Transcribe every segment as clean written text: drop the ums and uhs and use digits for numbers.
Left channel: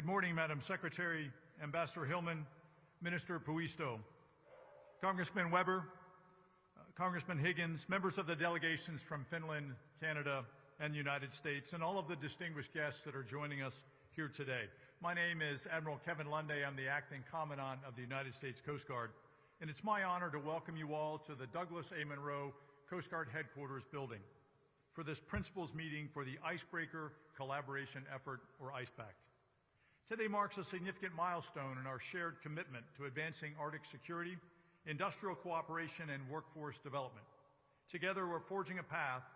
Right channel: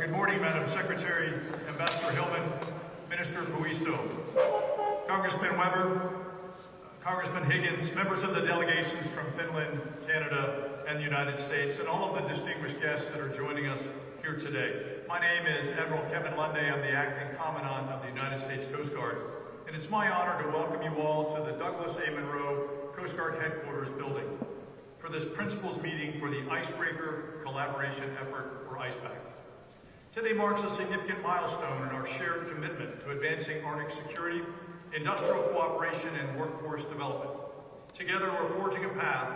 Good morning, Madam Secretary, Ambassador Hillman, Minister Puisto, Congressman Weber, Congressman Higgins, members of the delegations from Finland, Canada, and the United States, and all of the distinguished guests that are joining us here today. My name is Admiral Kevin Lunday. I'm the Acting Commandant of the United States Coast Guard, and it's my honor to welcome you all to the Douglas A. Monroe Coast Guard Headquarters building for this principals meeting for the Icebreaker Collaboration Effort, or ICE Pact. Today marks a significant milestone in our shared commitment to advancing Arctic security, industrial cooperation, and workforce development. Together, we're forging a path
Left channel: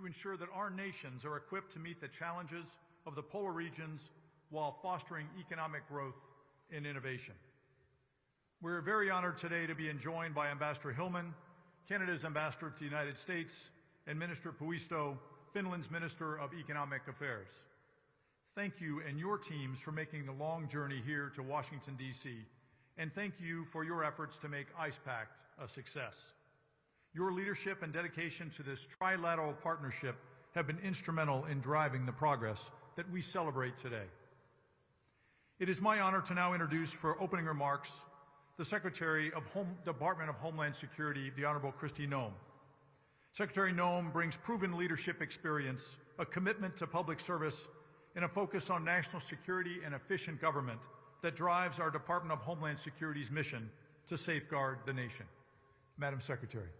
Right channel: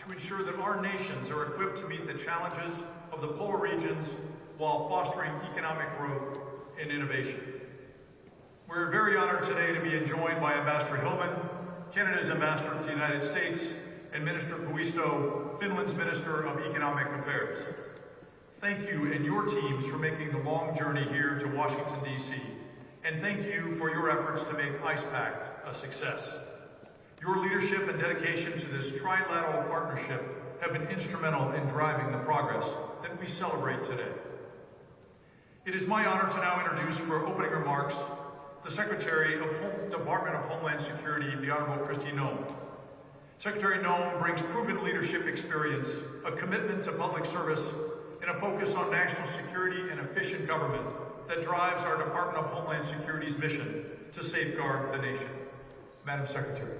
to ensure that our nations are equipped to meet the challenges of the polar regions while fostering economic growth and innovation. We're very honored today to be joined by Ambassador Hillman, Canada's ambassador to the United States, and Minister Puisto, Finland's Minister of Economic Affairs. Thank you and your teams for making the long journey here to Washington, D.C., and thank you for your efforts to make ICE Pact a success. Your leadership and dedication to this trilateral partnership have been instrumental in driving the progress that we celebrate today. It is my honor to now introduce for opening remarks the Secretary of the Department of Homeland Security, the Honorable Kristi Noem. Secretary Noem brings proven leadership experience, a commitment to public service, and a focus on national security and efficient government that drives our Department of Homeland Security's mission to safeguard the nation. Madam Secretary.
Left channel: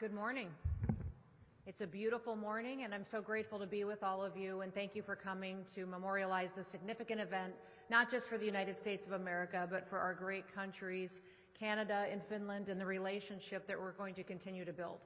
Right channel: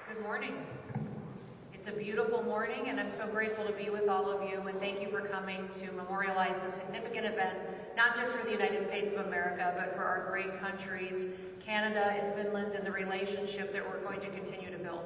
Good morning. It's a beautiful morning, and I'm so grateful to be with all of you, and thank you for coming to memorialize this significant event, not just for the United States of America, but for our great countries, Canada and Finland, and the relationship that we're going to continue to build.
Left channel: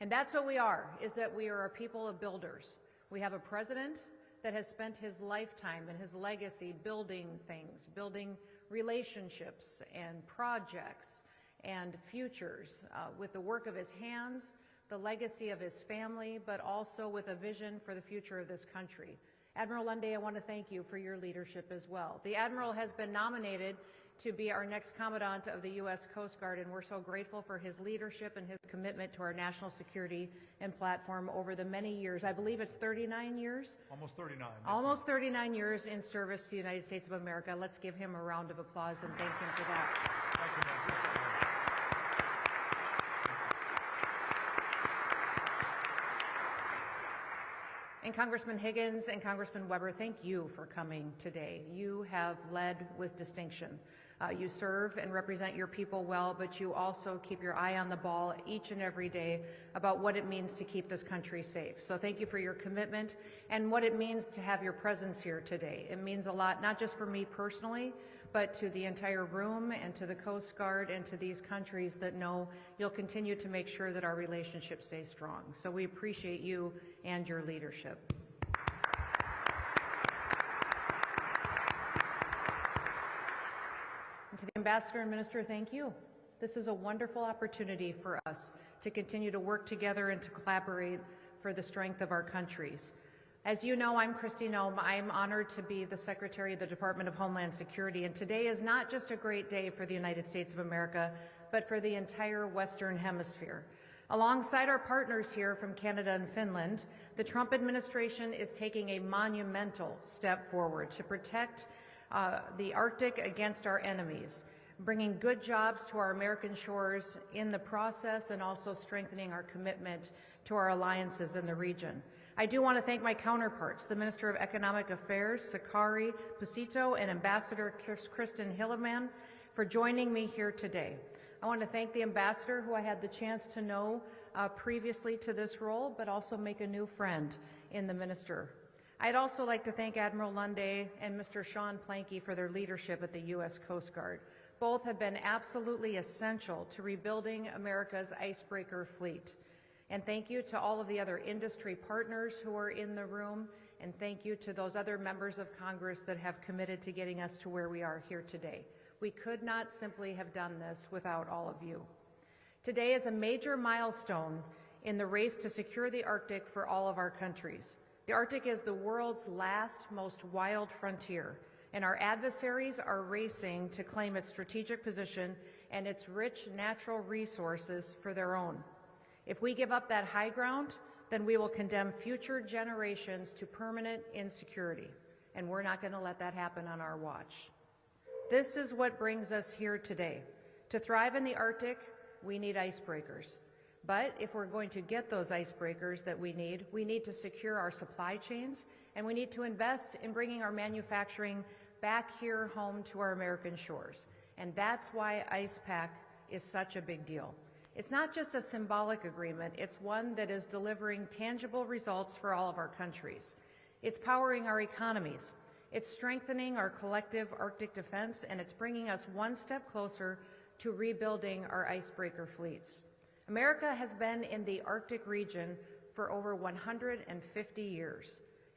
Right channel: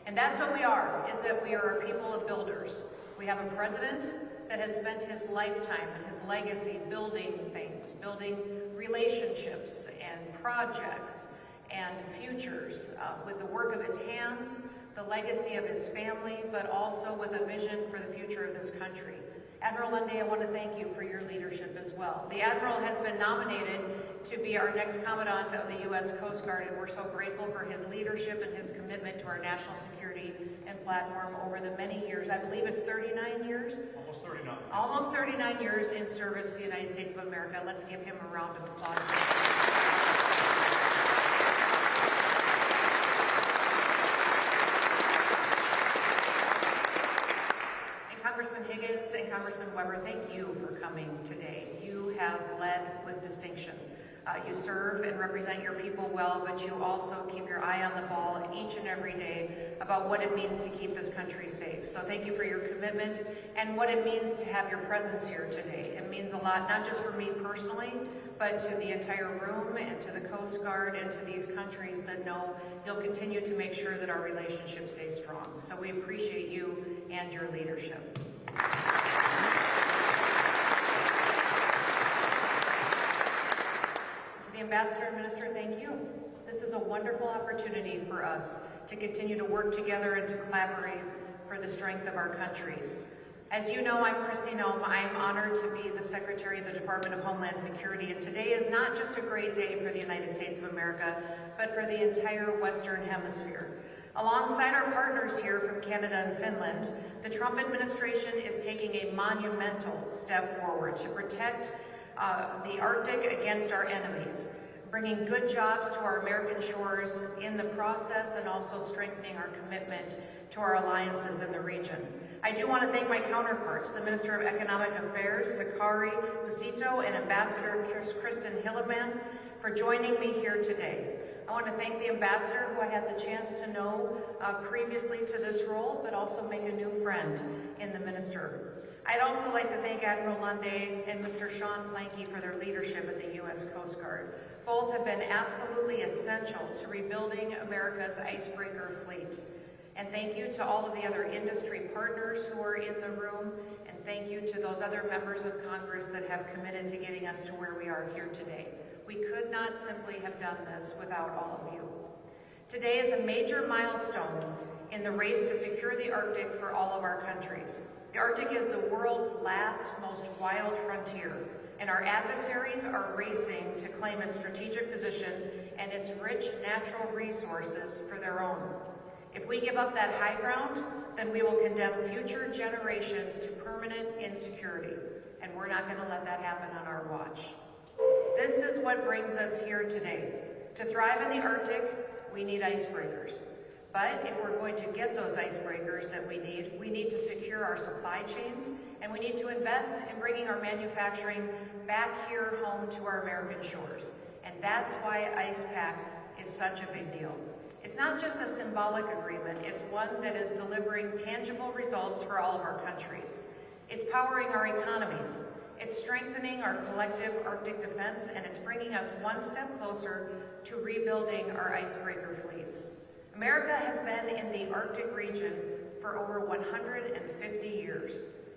And that's what we are, is that we are a people of builders. We have a president that has spent his lifetime and his legacy building things, building relationships and projects and futures with the work of his hands, the legacy of his family, but also with a vision for the future of this country. Admiral Lunday, I want to thank you for your leadership as well. The Admiral has been nominated to be our next Commandant of the U.S. Coast Guard, and we're so grateful for his leadership and his commitment to our national security and platform over the many years. I believe it's 39 years? Almost 39 years in service to the United States of America. Let's give him a round of applause. Congressman Higgins and Congressman Weber, thank you for coming today. You have led with distinction. You serve and represent your people well, but you also keep your eye on the ball each and every day about what it means to keep this country safe. So thank you for your commitment and what it means to have your presence here today. It means a lot, not just for me personally, but to the entire room and to the Coast Guard and to these countries that know you'll continue to make sure that our relationship stays strong. So we appreciate you and your leadership. To the Ambassador and Minister, thank you. This is a wonderful opportunity for us to continue to work together and to collaborate for the strength of our countries. As you know, I'm Kristi Noem. I am honored to be the Secretary of the Department of Homeland Security, and today is not just a great day for the United States of America, but for the entire Western Hemisphere. Alongside our partners here from Canada and Finland, the Trump administration is taking a monumental step forward to protect the Arctic against our enemies, bringing good jobs to our American shores in the process, and also strengthening our commitment to our alliances in the region. I do want to thank my counterparts, the Minister of Economic Affairs, Sakari Busito, and Ambassador Kristi Noem, for joining me here today. I want to thank the Ambassador, who I had the chance to know previously to this role, but also made a new friend in the Minister. I'd also like to thank Admiral Lunday and Mr. Sean Planky for their leadership of the U.S. Coast Guard. Both have been absolutely essential to rebuild rebuilding America's icebreaker fleet. And thank you to all the other industry partners who are in the room, and thank you to those other members of Congress that have committed to getting us to where we are here today. We could not simply have done this without all of you. Today is a major milestone in the race to secure the Arctic for all of our countries. The Arctic is the world's last, most wild frontier, and our adversaries are racing to claim its strategic position and its rich natural resources for their own. If we give up that high ground, then we will condemn future generations to permanent insecurity, and we're not going to let that happen on our watch. This is what brings us here today. To thrive in the Arctic, we need icebreakers. But if we're going to get those icebreakers that we need to secure our supply chains, and we need to invest in bringing our manufacturing back here home to our American shores. And that's why ICE Pact is such a big deal. It's not just a symbolic agreement, it's one that is delivering tangible results for all of our countries. It's powering our economies. It's strengthening our collective Arctic defense, and it's bringing us one step closer to rebuilding our icebreaker fleets. America has been in the Arctic region for over 150 years.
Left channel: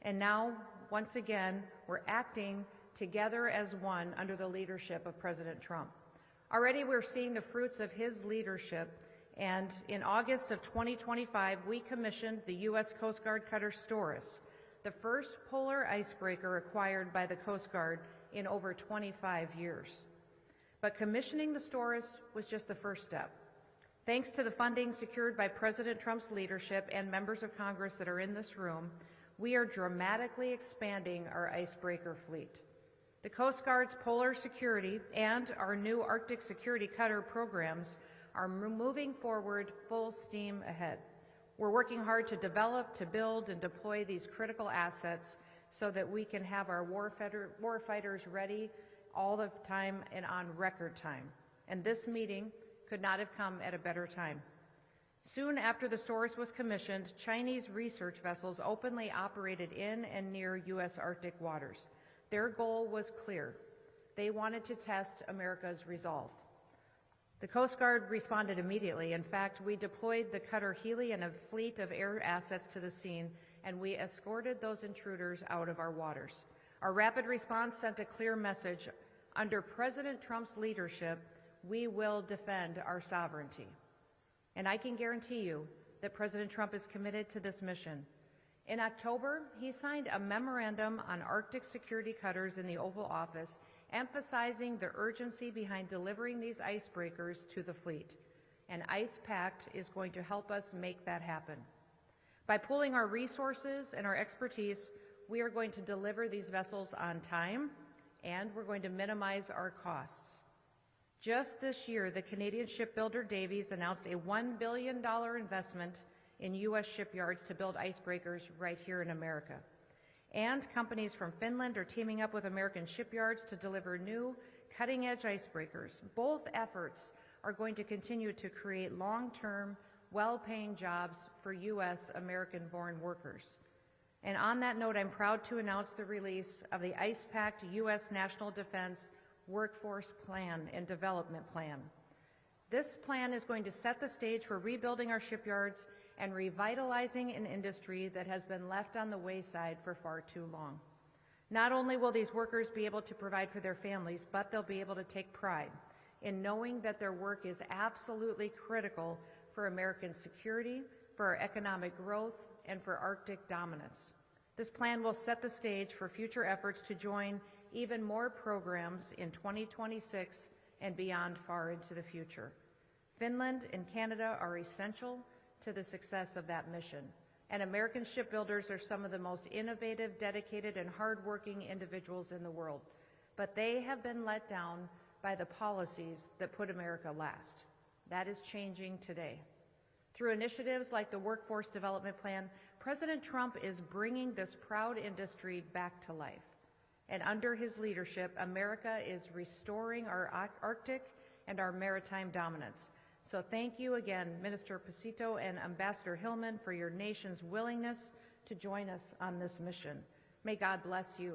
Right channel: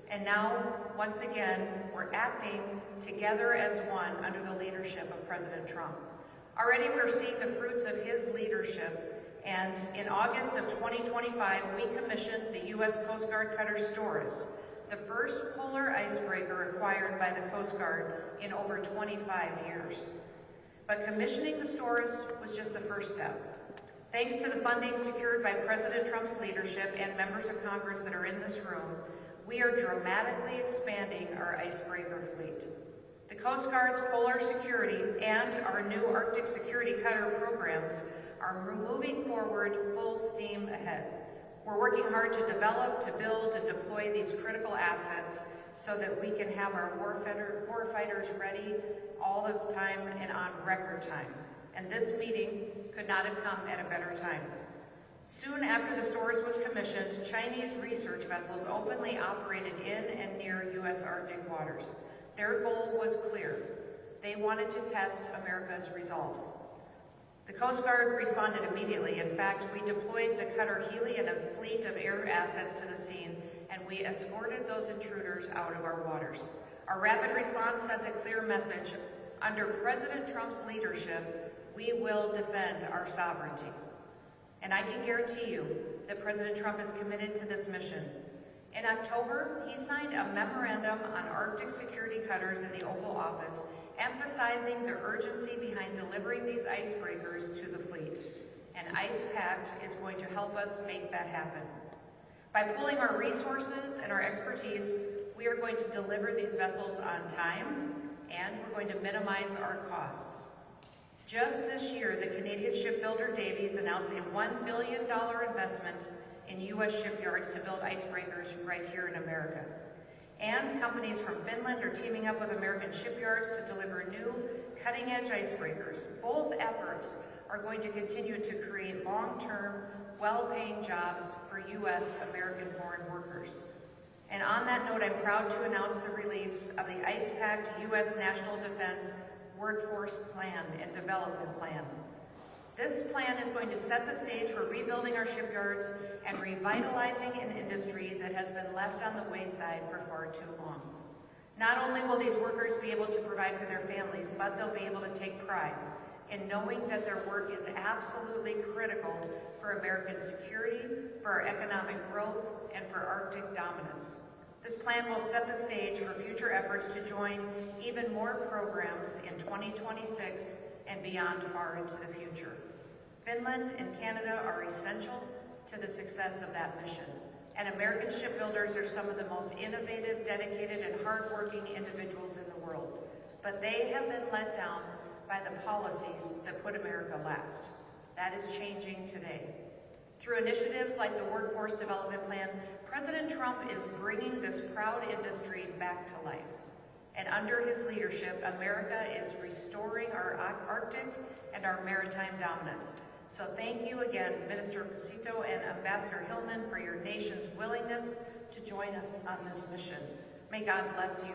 And now, once again, we're acting together as one under the leadership of President Trump. Already we're seeing the fruits of his leadership, and in August of 2025, we commissioned the U.S. Coast Guard cutter Storis, the first polar icebreaker acquired by the Coast Guard in over 25 years. But commissioning the Storis was just the first step. Thanks to the funding secured by President Trump's leadership and members of Congress that are in this room, we are dramatically expanding our icebreaker fleet. The Coast Guard's polar security and our new Arctic security cutter programs are moving forward full steam ahead. We're working hard to develop, to build, and deploy these critical assets so that we can have our warfighters ready all the time and on record time. And this meeting could not have come at a better time. Soon after the Storis was commissioned, Chinese research vessels openly operated in and near U.S. Arctic waters. Their goal was clear. They wanted to test America's resolve. The Coast Guard responded immediately. In fact, we deployed the cutter Healy and a fleet of air assets to the scene, and we escorted those intruders out of our waters. Our rapid response sent a clear message. Under President Trump's leadership, we will defend our sovereignty. And I can guarantee you that President Trump is committed to this mission. In October, he signed a memorandum on Arctic security cutters in the Oval Office, emphasizing the urgency behind delivering these icebreakers to the fleet. And ICE Pact is going to help us make that happen. By pooling our resources and our expertise, we are going to deliver these vessels on time, and we're going to minimize our costs. Just this year, the Canadian shipbuilder Davies announced a $1 billion investment in U.S. shipyards to build icebreakers right here in America. And companies from Finland are teaming up with American shipyards to deliver new, cutting-edge icebreakers. Both efforts are going to continue to create long-term, well-paying jobs for U.S. American-born workers. And on that note, I'm proud to announce the release of the ICE Pact U.S. National Defense Workforce Plan and Development Plan. This plan is going to set the stage for rebuilding our shipyards and revitalizing an industry that has been left on the wayside for far too long. Not only will these workers be able to provide for their families, but they'll be able to take pride in knowing that their work is absolutely critical for American security, for our economic growth, and for Arctic dominance. This plan will set the stage for future efforts to join even more programs in 2026 and beyond far into the future. Finland and Canada are essential to the success of that mission. And American shipbuilders are some of the most innovative, dedicated, and hardworking individuals in the world. But they have been let down by the policies that put America last. That is changing today. Through initiatives like the Workforce Development Plan, President Trump is bringing this proud industry back to life. And under his leadership, America is restoring our Arctic and our maritime dominance. So thank you again, Minister Cito and Ambassador Hillman, for your nation's willingness to join us on this mission. May God bless you.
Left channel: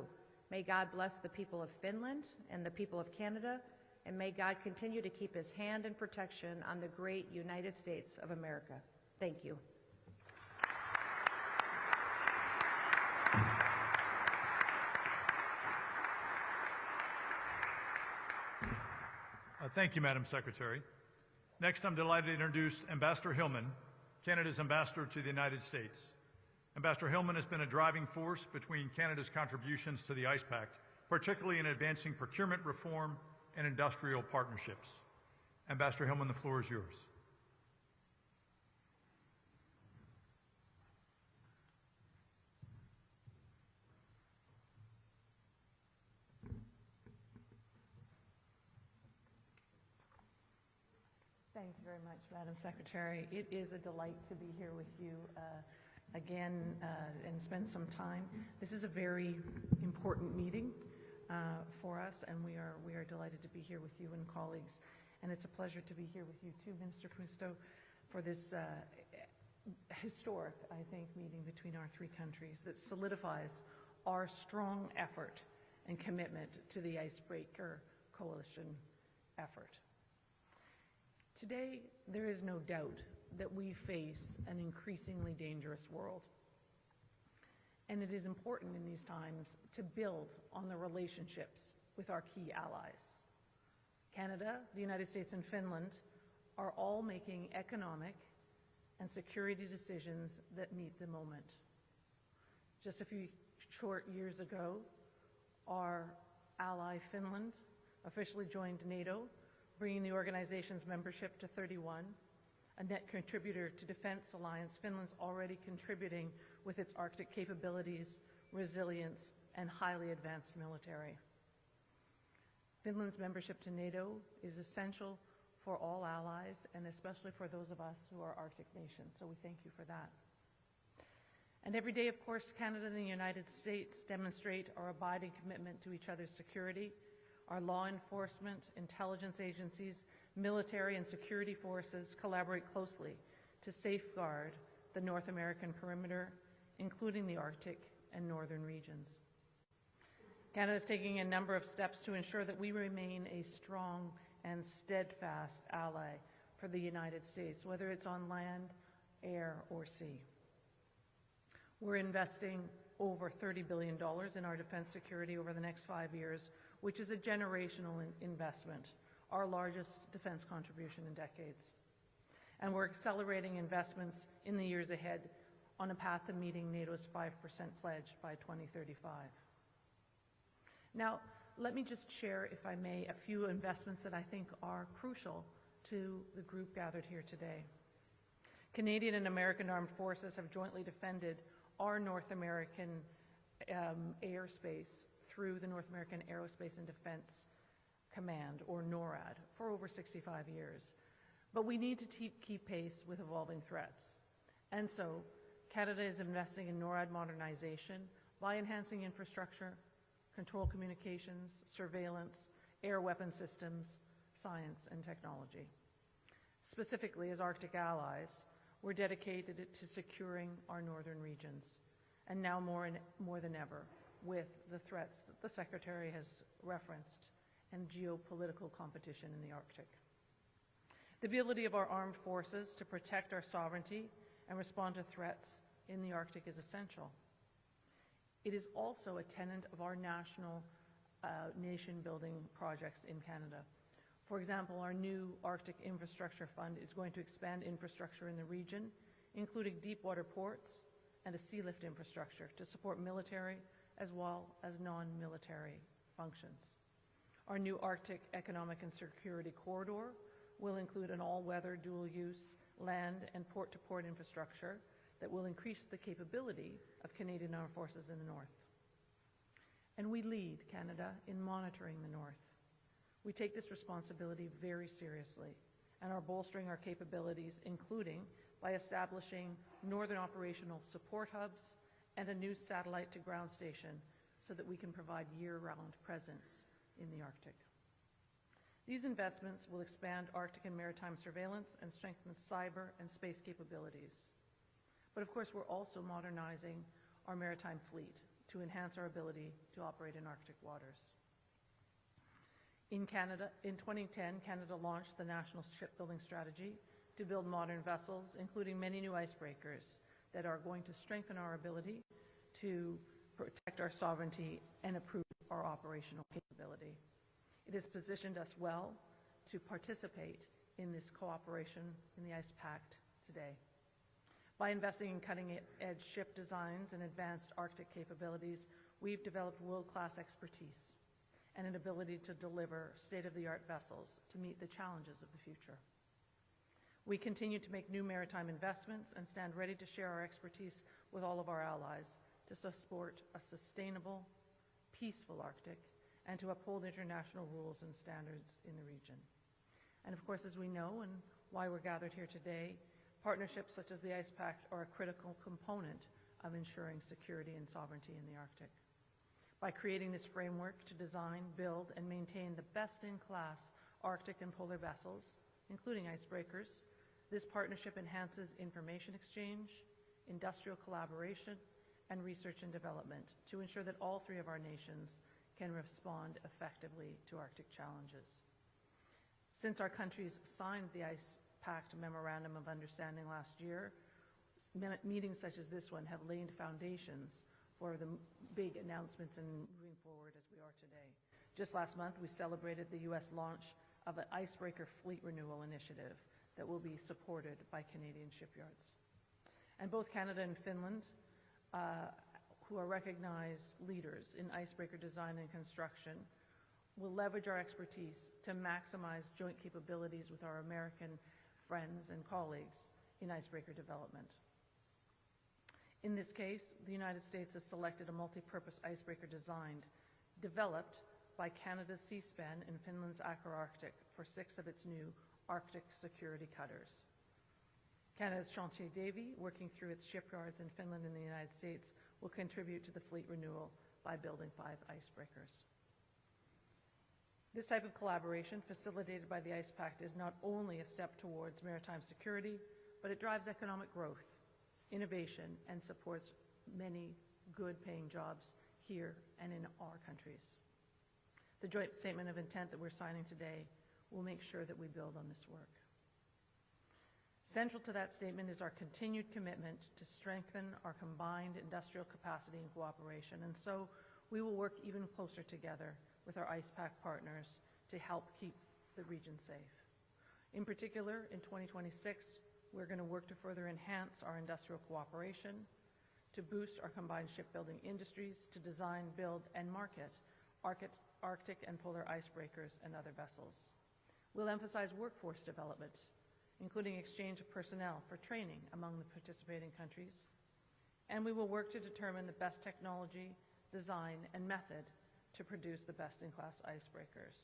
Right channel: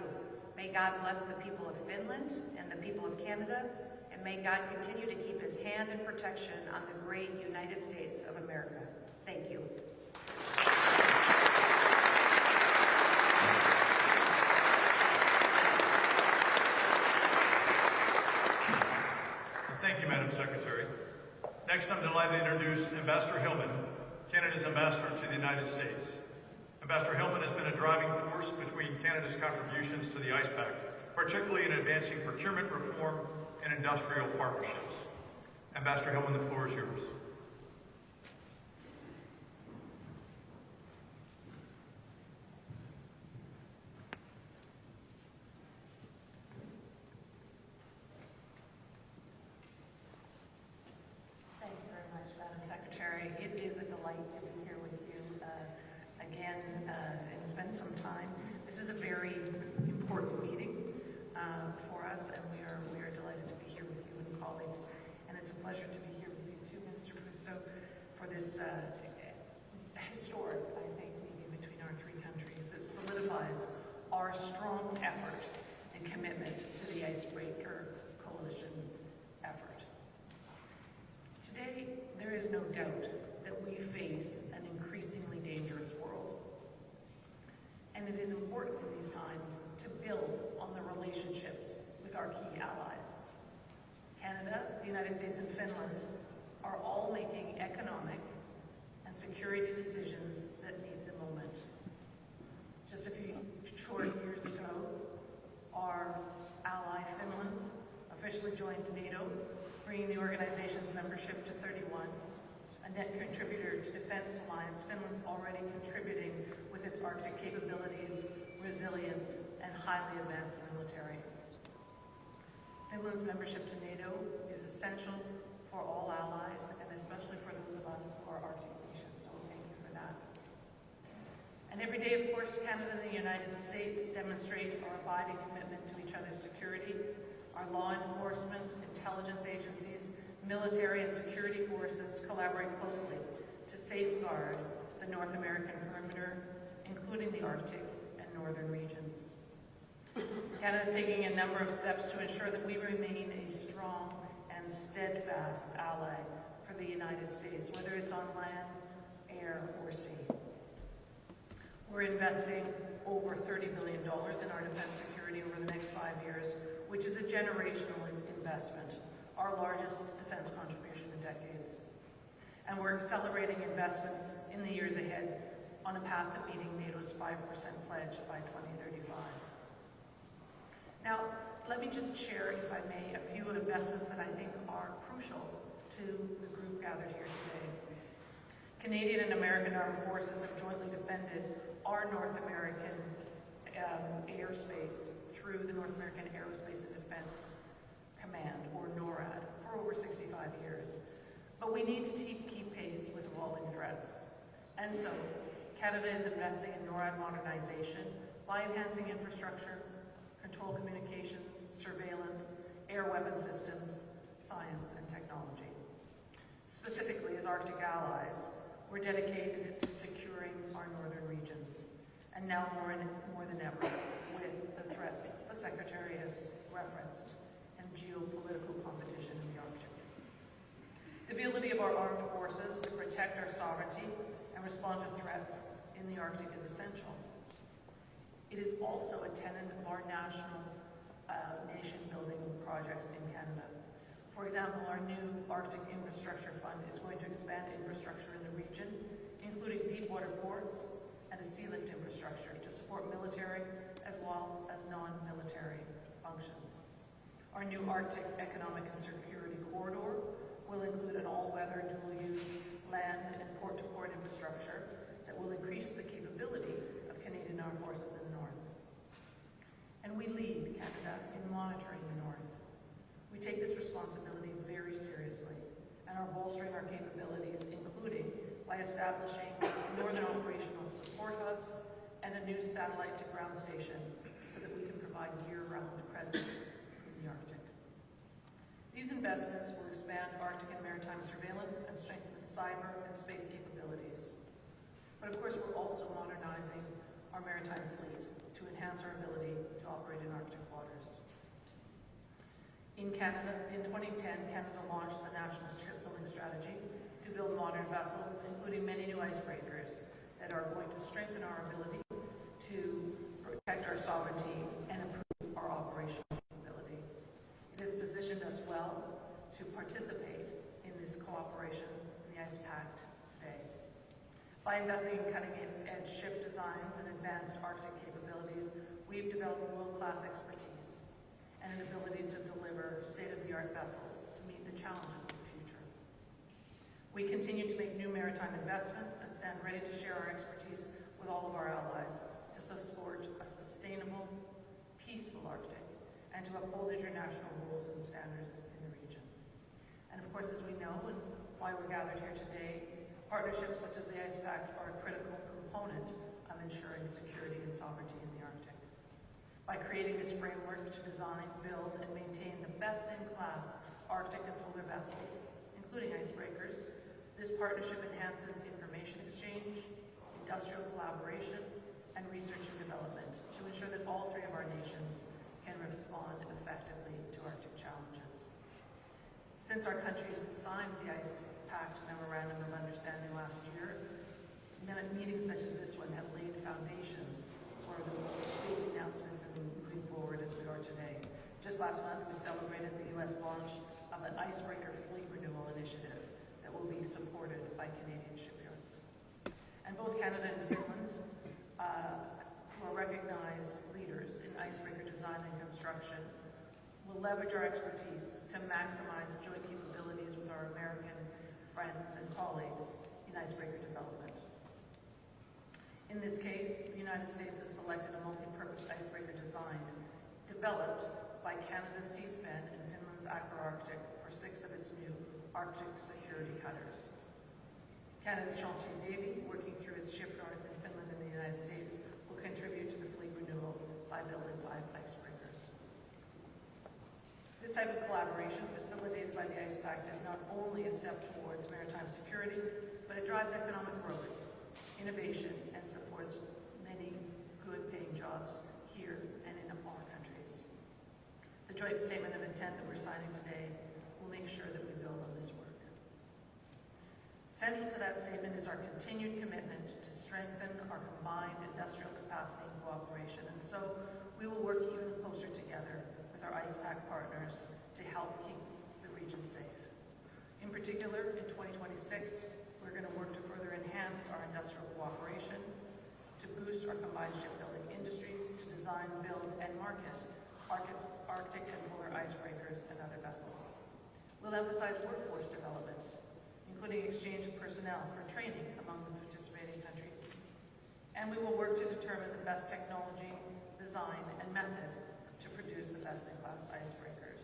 May God bless the people of Finland and the people of Canada, and may God continue to keep his hand in protection reflection on the great United States of America. Thank you. Thank you, Madam Secretary. Next, I'm delighted to introduce Ambassador Hillman, Canada's ambassador to the United States. Ambassador Hillman has been a driving force between Canada's contributions to the ICE Pact, particularly in advancing procurement reform and industrial partnerships. Ambassador Hillman, the floor is yours. Again, and spend some time. This is a very important meeting for us, and we are very delighted to be here with you and colleagues. And it's a pleasure to be here with you too, Mr. Kristo, for this historic, I think, meeting between our three countries that solidifies our strong effort and commitment to the Icebreaker Coalition effort. Today, there is no doubt that we face an increasingly dangerous world. And it is important in these times to build on the relationships with our key allies. Canada, the United States, and Finland are all making economic and security decisions that meet the moment. Just a few short years ago, our ally Finland officially joined NATO, bringing the organization's membership to 31. A net contributor to Defense Alliance, Finland's already contributing with its Arctic capabilities, resilience, and highly advanced military. Finland's membership to NATO is essential for all allies, and especially for those of us who are Arctic nations, so thank you for that. And every day, of course, Canada and the United States demonstrate our abiding commitment to each other's security. Our law enforcement, intelligence agencies, military and security forces collaborate closely to safeguard the North American perimeter, including the Arctic and northern regions. Canada is taking a number of steps to ensure that we remain a strong and steadfast ally for the United States, whether it's on land, air, or sea. We're investing over $30 billion in our defense security over the next 5 years, which is a generational investment, our largest defense contribution in decades. And we're accelerating investments in the years ahead on the path to meeting NATO's 5% pledge by 2035. Now, let me just share, if I may, a few investments that I think are crucial to the group gathered here today. Canadian and American armed forces have jointly defended our North American airspace through the North American Aerospace and Defense Command, or NORAD, for over 65 years. But we need to keep pace with evolving threats. And so, Canada is investing in NORAD modernization by enhancing infrastructure, control communications, surveillance, air weapon systems, science, and technology. Specifically, as Arctic allies, we're dedicated to securing our northern regions, and now more than ever, with the threats the Secretary has referenced and geopolitical competition in the Arctic. The ability of our armed forces to protect our sovereignty and respond to threats in the Arctic is essential. It is also a tenet of our national nation-building projects in Canada. For example, our new Arctic Infrastructure Fund is going to expand infrastructure in the region, including deep-water ports and a sea-lift infrastructure to support military as well as non-military functions. Our new Arctic Economic and Security Corridor will include an all-weather dual-use land and port-to-port infrastructure that will increase the capability of Canadian armed forces in the North. And we lead Canada in monitoring the North. We take this responsibility very seriously and are bolstering our capabilities, including by establishing Northern Operational Support Hubs and a new satellite-to-ground station so that we can provide year-round presence in the Arctic. These investments will expand Arctic and maritime surveillance and strengthen cyber and space capabilities. But of course, we're also modernizing our maritime fleet to enhance our ability to operate in Arctic waters. In Canada, in 2010, Canada launched the National Shipbuilding build modern vessels, including many new icebreakers that are going to strengthen our ability to protect our sovereignty and improve our operational capability. It has positioned us well to participate in this cooperation in the ICE Pact today. By investing in cutting-edge ship designs and advanced Arctic capabilities, we've developed world-class expertise and an ability to deliver state-of-the-art vessels to meet the challenges of the future. We continue to make new maritime investments and stand ready to share our expertise with all of our allies to support a sustainable, peaceful Arctic and to uphold international rules and standards in the region. And of course, as we know, and why we're gathered here today, partnerships such as the ICE Pact are a critical component of ensuring security and sovereignty in the Arctic. By creating this framework to design, build, and maintain the best-in-class Arctic and polar vessels, including icebreakers, this partnership enhances information exchange, industrial collaboration, and research and development to ensure that all three of our nations can respond effectively to Arctic challenges. Since our countries signed the ICE Pact Memorandum of Understanding last year, meetings such as this one have laid foundations for big announcements and moving forward as we are today. Just last month, we celebrated the U.S. launch of the Icebreaker Fleet Renewal Initiative that will be supported by Canadian shipyards. And both Canada and Finland, who are recognized leaders in icebreaker design and construction, will leverage our expertise to maximize joint capabilities with our American friends and colleagues in icebreaker development. In this case, the United States has selected a multi-purpose icebreaker design developed by Canada's Seaspan and Finland's Aqua-Arctic for 6 of its new Arctic security cutters. Canada's Chantier Davy, working through its shipyards in Finland and the United States, will contribute to the fleet renewal by building 5 icebreakers. This type of collaboration, facilitated by the ICE Pact, is not only a step towards maritime security, but it drives economic growth, innovation, and supports many good-paying jobs here and in all countries. The joint statement of intent that we're signing today will make sure that we build on this work. Central to that statement is our continued commitment to strengthen our combined industrial capacity and cooperation, and so we will work even closer together with our ICE Pact partners to help keep the region safe. In particular, in 2026, we're going to work to further enhance our industrial cooperation, to boost our combined shipbuilding industries, to design, build, and market Arctic and polar icebreakers and other vessels. We'll emphasize workforce development, including exchange of personnel for training among the participating countries. And we will work to determine the best technology, design, and method to produce the best-in-class icebreakers.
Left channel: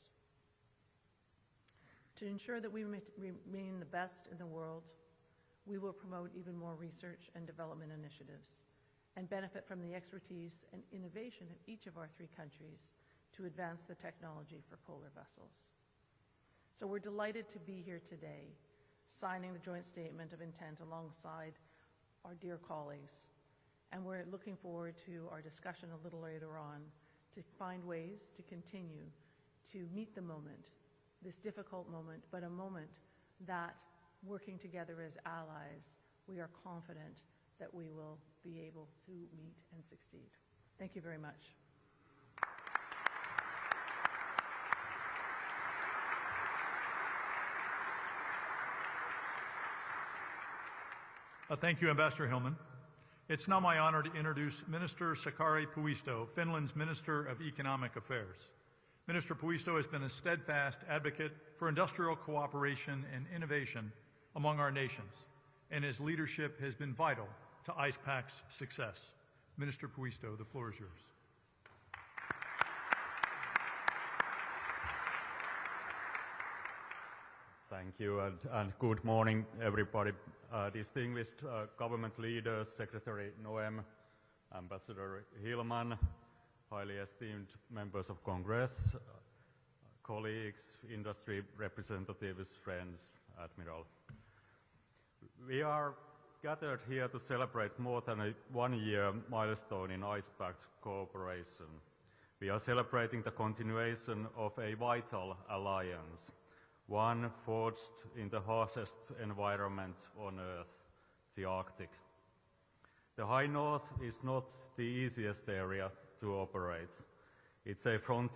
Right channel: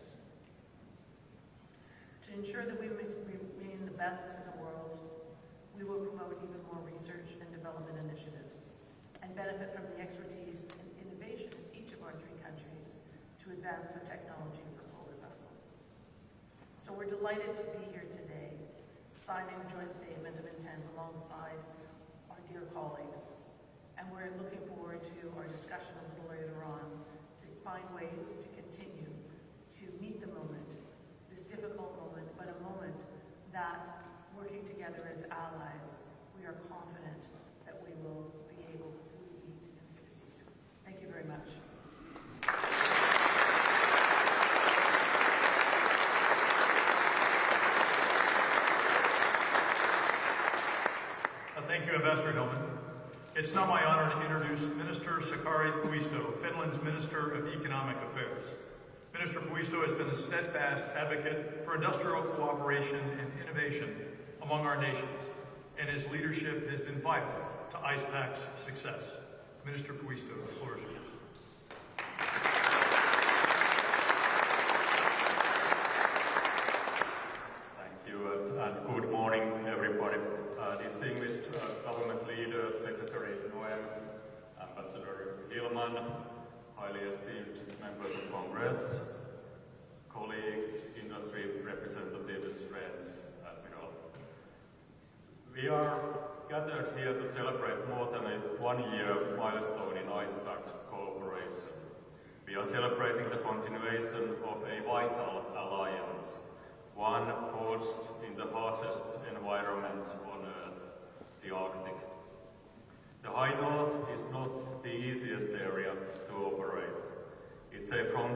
To ensure that we remain the best in the world, we will promote even more research and development initiatives and benefit from the expertise and innovation of each of our 3 countries to advance the technology for polar vessels. So we're delighted to be here today, signing a joint statement of intent alongside our dear colleagues, and we're looking forward to our discussion a little later on to find ways to continue to meet the moment, this difficult moment, but a moment that, working together as allies, we are confident that we will be able to meet and succeed. Thank you very much. Thank you, Ambassador Hillman. It's now my honor to introduce Minister Sakari Puisto, Finland's Minister of Economic Affairs. Minister Puisto has been a steadfast advocate for industrial cooperation and innovation among our nations, and his leadership has been vital to ICE Pact's success. Minister Puisto, the floor is yours. Thank you, and good morning, everybody. Distinguished government leaders, Secretary Noem, Ambassador Hillman, highly esteemed members of Congress, colleagues, industry representatives, friends, Admiral. We are gathered here to celebrate more than a 1-year milestone in ICE Pact cooperation. We are celebrating the continuation of a vital alliance, one forged in the harshest environment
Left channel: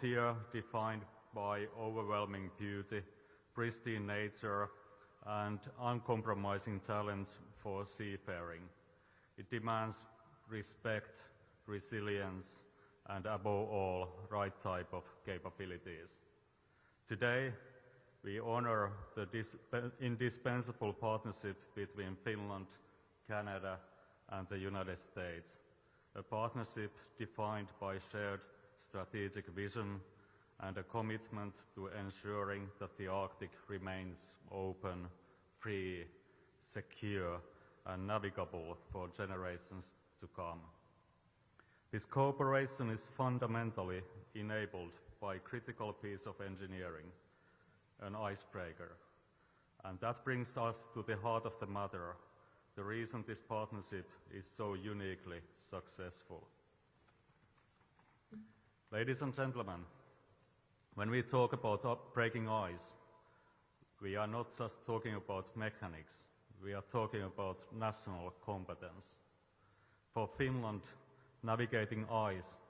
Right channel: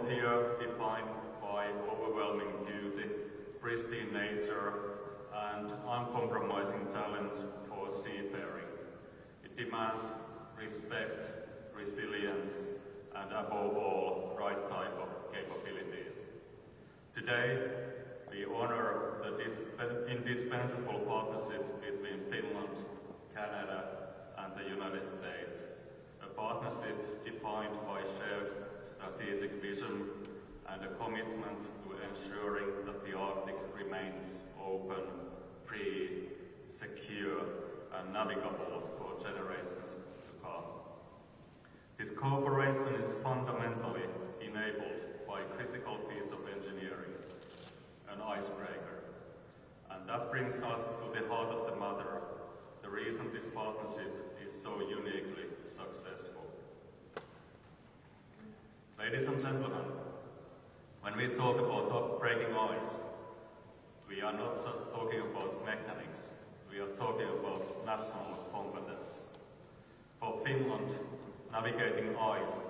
here defined by overwhelming beauty, pristine nature, and uncompromising talents for seafaring. It demands respect, resilience, and above all, right type of capabilities. Today, we honor the indispensable partnership between Finland, Canada, and the United States. A partnership defined by shared strategic vision and a commitment to ensuring that the Arctic remains open, free, secure, and navigable for generations to come. This cooperation is fundamentally enabled by a critical piece of engineering, an icebreaker. And that brings us to the heart of the matter, the reason this partnership is so uniquely successful. Ladies and gentlemen, when we talk about breaking ice, we are not just talking about mechanics, we are talking about national competence. For Finland, navigating ice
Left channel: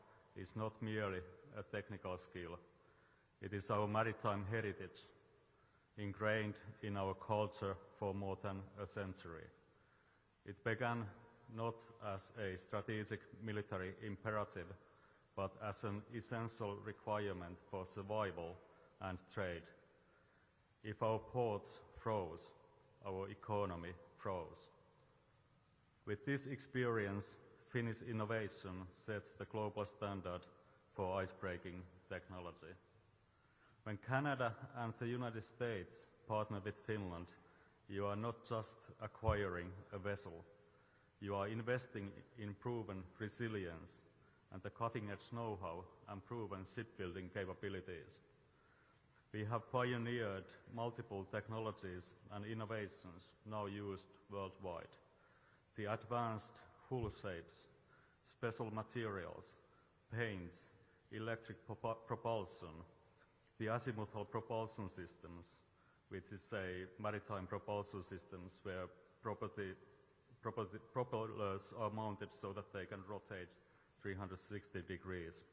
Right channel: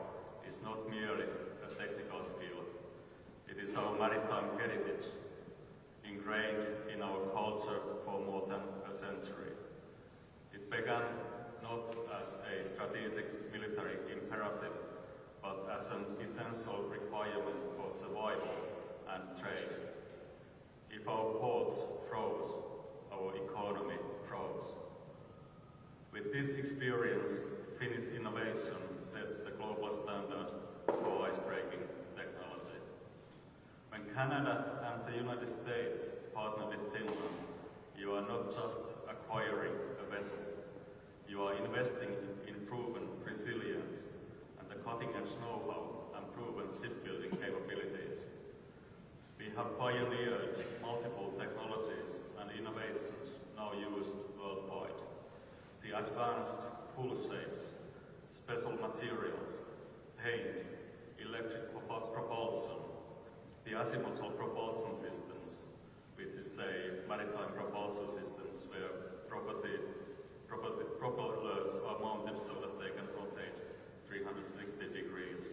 is not merely a technical skill. It is our maritime heritage, ingrained in our culture for more than a century. It began not as a strategic military imperative, but as an essential requirement for survival and trade. If our ports froze, our economy froze. With this experience, Finnish innovation sets the global standard for icebreaking technology. When Canada and the United States partner with Finland, you are not just acquiring a vessel, you are investing in proven resilience and the cutting-edge know-how and proven shipbuilding capabilities. We have pioneered multiple technologies and innovations now used worldwide. The advanced hull shapes, special materials, paints, electric propulsion, the azimuthal propulsion systems, which is a maritime propulsion systems where propellers are mounted so that they can rotate 360 degrees,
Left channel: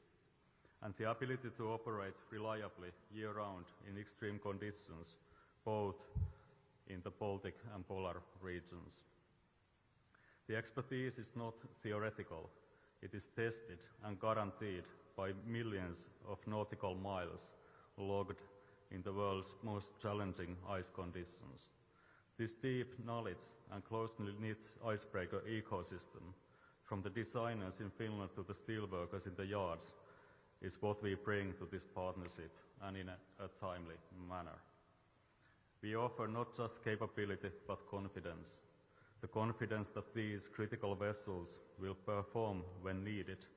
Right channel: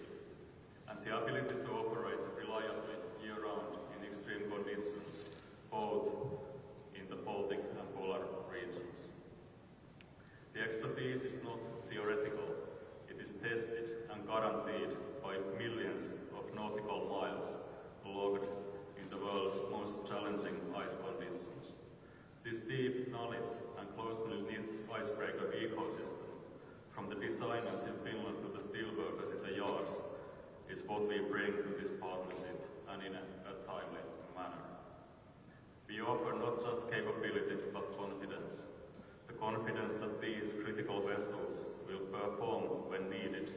and the ability to operate reliably year-round in extreme conditions, both in the Baltic and polar regions. The expertise is not theoretical, it is tested and guaranteed by millions of nautical miles logged in the world's most challenging ice conditions. This deep knowledge and closely knit icebreaker ecosystem, from the designers in Finland to the steelworkers in the yards, is what we bring to this partnership and in a timely manner. We offer not just capability but confidence. The confidence that these critical vessels will perform when needed,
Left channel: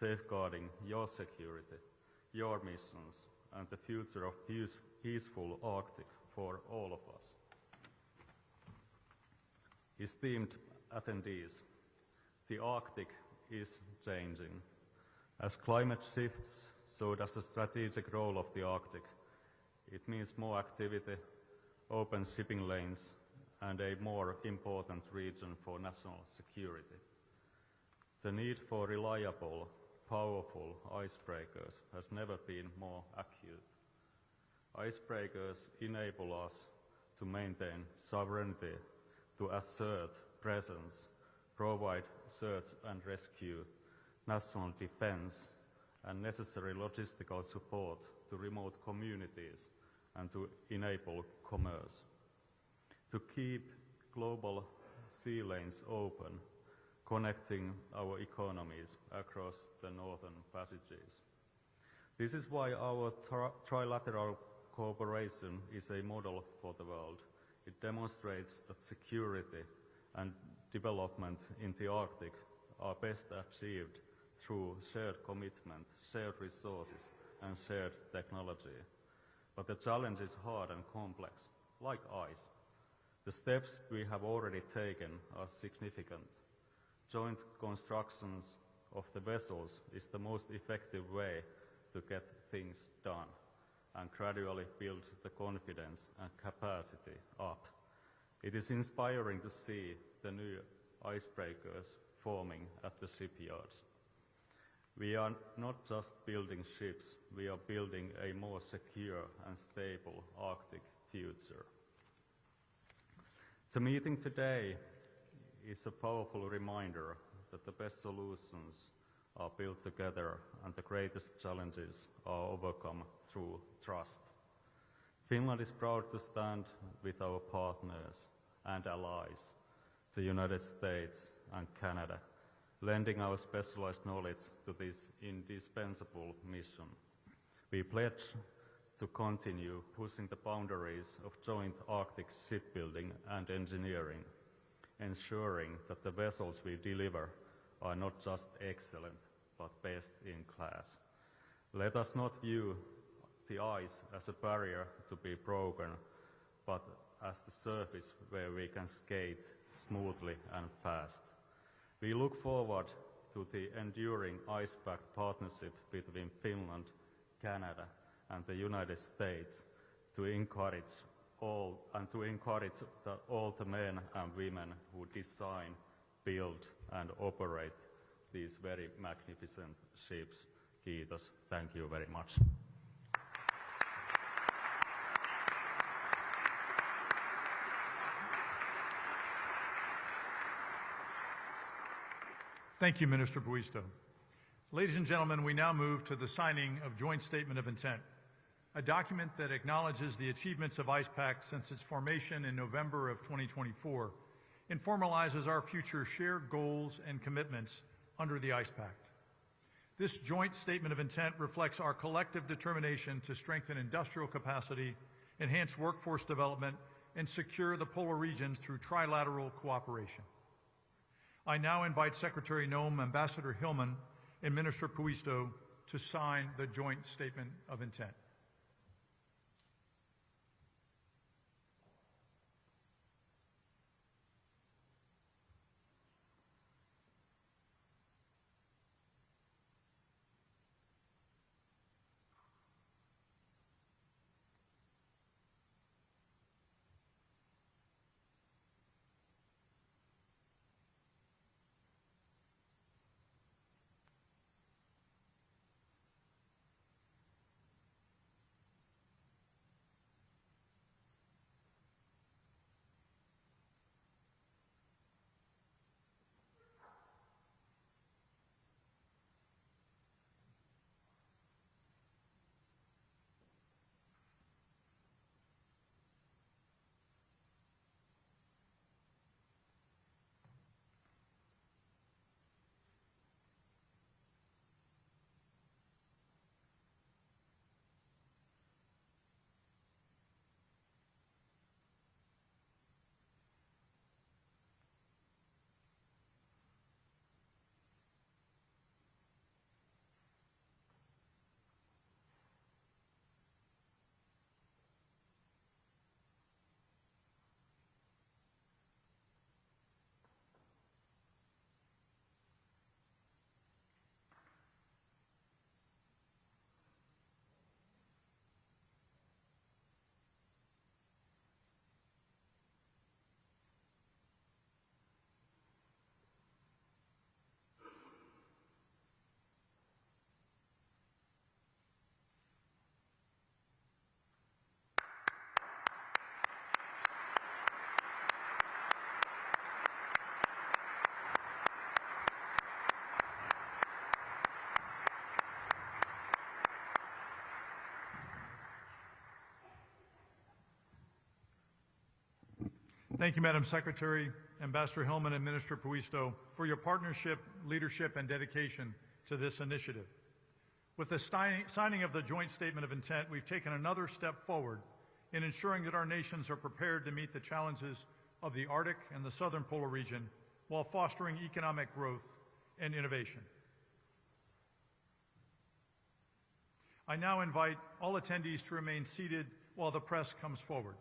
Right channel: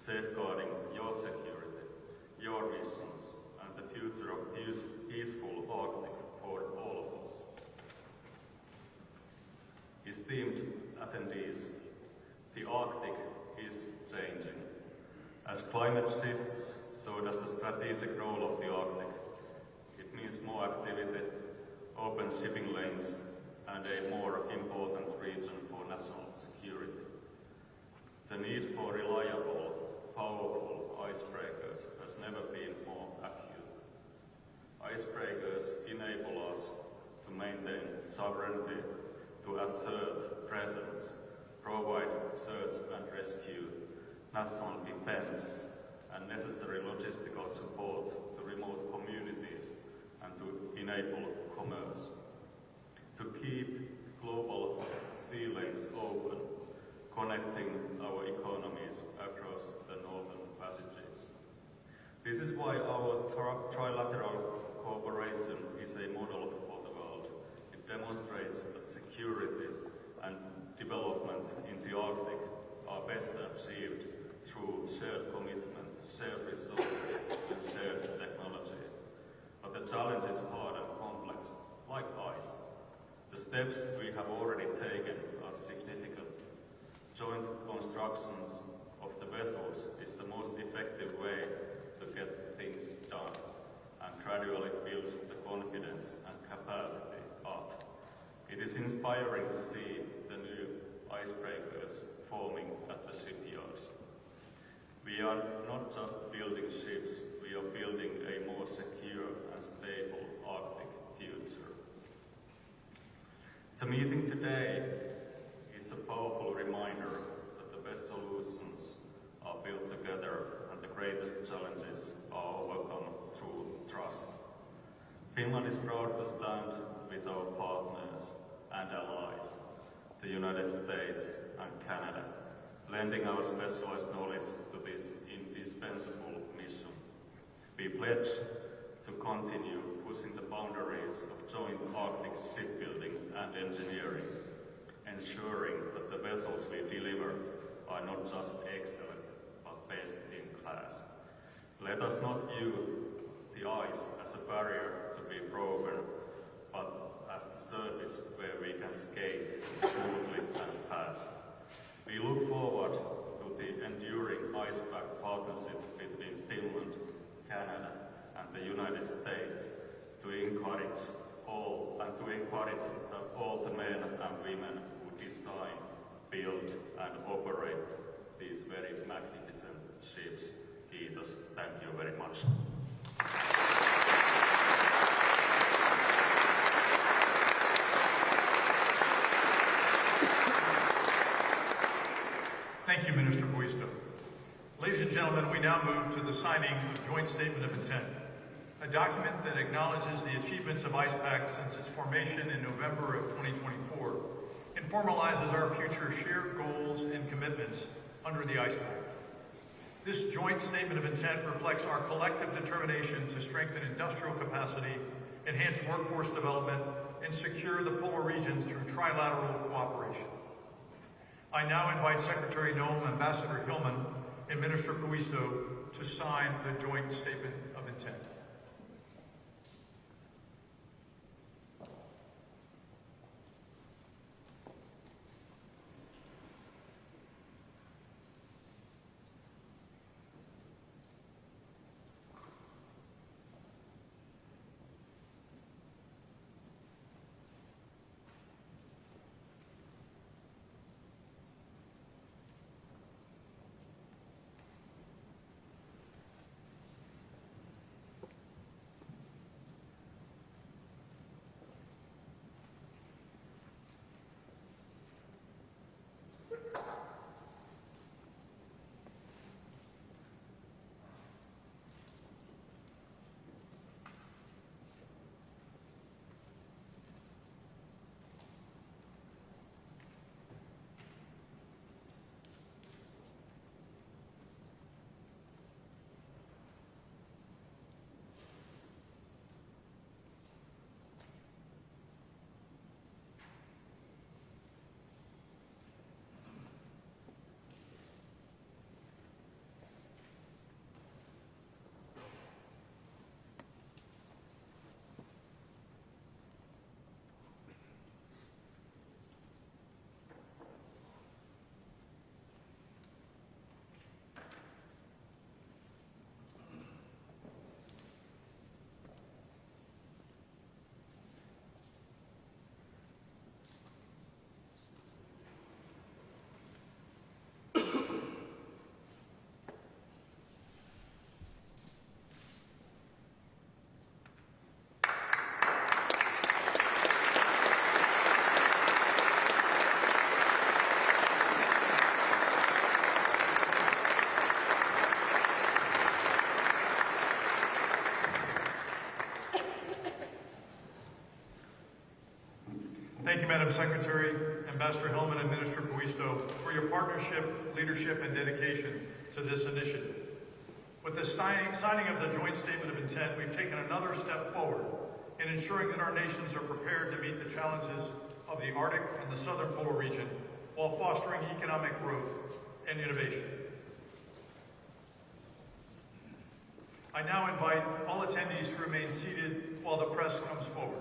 safeguarding your security, your missions, and the future of peaceful Arctic for all of us. Esteemed attendees, the Arctic is changing. As climate shifts, so does the strategic role of the Arctic. It means more activity, open shipping lanes, and a more important region for national security. The need for reliable, powerful icebreakers has never been more acute. Icebreakers enable us to maintain sovereignty, to assert presence, provide search and rescue, national defense, and necessary logistical support to remote communities and to enable commerce. To keep global sea lanes open, connecting our economies across the northern passages. This is why our trilateral cooperation is a model for the world. It demonstrates that security and development in the Arctic are best achieved through shared commitment, shared resources, and shared technology. But the challenge is hard and complex, like ice. The steps we have already taken are significant. Joint constructions of the vessels is the most effective way to get things done and gradually build the confidence and capacity up. It is inspiring to see the new icebreakers forming at the shipyards. We are not just building ships, we we are building a more secure and stable Arctic future. The meeting today is a powerful reminder that the best solutions are built together and the greatest challenges are overcome through trust. Finland is proud to stand with our partners and allies, the United States and Canada, lending our specialized knowledge to this indispensable mission. We pledge to continue pushing the boundaries of joint Arctic shipbuilding and engineering, ensuring that the vessels we deliver are not just excellent, but best in class. Let us not view the ice as a barrier to be broken, but as a surface where we can skate smoothly and fast. We look forward to the enduring ICE Pact partnership between Finland, Canada, and the United States to encourage that all the men and women who design, build, and operate these very magnificent ships. Kiitos. Thank you very much. Thank you, Minister Puisto. Ladies and gentlemen, we now move to the signing of the Joint Statement of Intent, a document that acknowledges the achievements of ICE Pact since its formation in November of 2024 and formalizes our future shared goals and commitments under the ICE Pact. This Joint Statement of Intent reflects our collective determination to strengthen industrial capacity, enhance workforce development, and secure the polar regions through trilateral cooperation. I now invite Secretary Noem, Ambassador Hillman, and Minister Puisto to sign the Joint Statement of Intent. Thank you, Madam Secretary, Ambassador Hillman, and Minister Puisto, for your partnership, leadership, and dedication to this initiative. With the signing of the Joint Statement of Intent, we've taken another step forward in ensuring that our nations are prepared to meet the challenges of the Arctic and the Southern Polar region while fostering economic growth and innovation. I now invite all attendees to remain seated while the press comes forward.